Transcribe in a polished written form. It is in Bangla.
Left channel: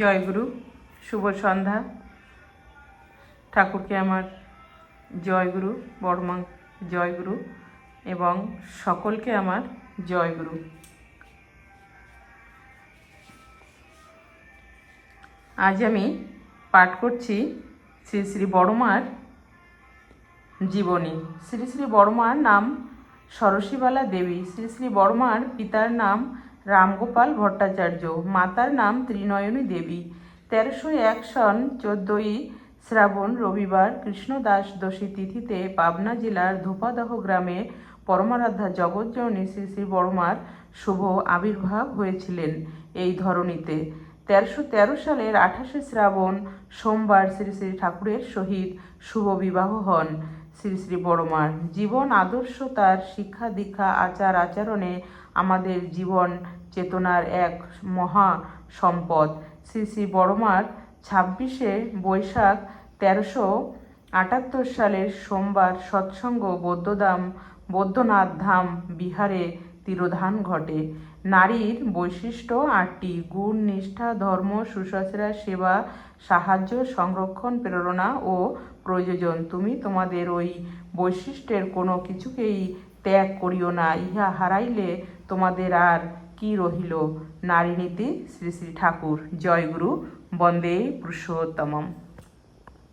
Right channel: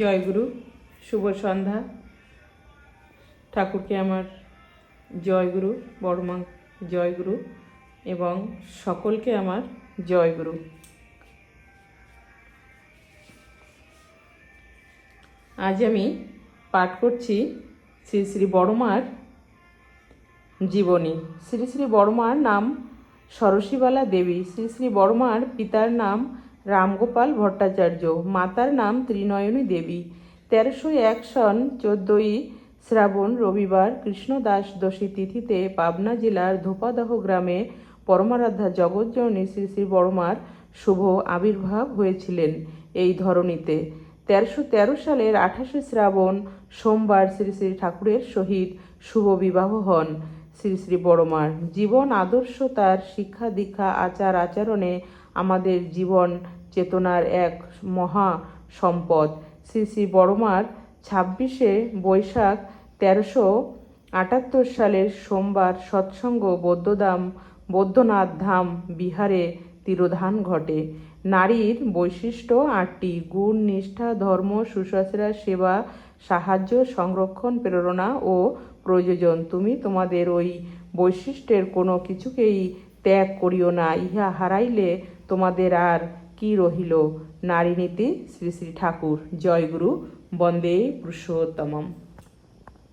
জয়গুরু, শুভ সন্ধ্যা। ঠাকুরকে আমার জয়গুরু, বড়মা জয়গুরু এবং সকলকে আমার জয়গুরু। আজ আমি পাঠ করছি শ্রী শ্রী বড়মার জীবনী। শ্রী শ্রী বড়মার নাম সরসীবালা দেবী। শ্রী শ্রী বড়মার পিতার নাম রামগোপাল ভট্টাচার্য, মাতার নাম ত্রিনয়নী দেবী। 1301 সন 14ই শ্রাবণ রবিবার কৃষ্ণদাস দোষী তিথিতে পাবনা জেলার ধোপাদহ গ্রামে পরমারাধ্যা জগৎজননী শ্রী শ্রী বড়মার শুভ আবির্ভাব হয়েছিলেন এই ধরণীতে। 1313 সালের 28শে শ্রাবণ সোমবার শ্রী শ্রী ঠাকুরের সহিত শুভ বিবাহ হন শ্রী শ্রী বড়মার। জীবন আদর্শ, তার শিক্ষা দীক্ষা আচার আচরণে আমাদের জীবন চেতনার এক মহা সম্পদ। শ্রী শ্রী বড়মার 26শে বৈশাখ 1378 সালের সোমবার সৎসঙ্গ বৌদ্ধনাথ ধাম বিহারে তিরোধান ঘটে। নারীর বৈশিষ্ট্য 8টি: গুণ, নিষ্ঠা, ধর্ম, শুশ্রূষা, সেবা, সাহায্য, সংরক্ষণ, প্রেরণা ও প্রয়োজন। তুমি তোমাদের ওই বৈশিষ্ট্যের কোনো কিছুকেই ত্যাগ করিও না, ইহা হারাইলে তোমাদের আর কি রহিল। নারীনীতি, শ্রী শ্রী ঠাকুর। জয়গুরু, বন্দে পুরুষোত্তমম।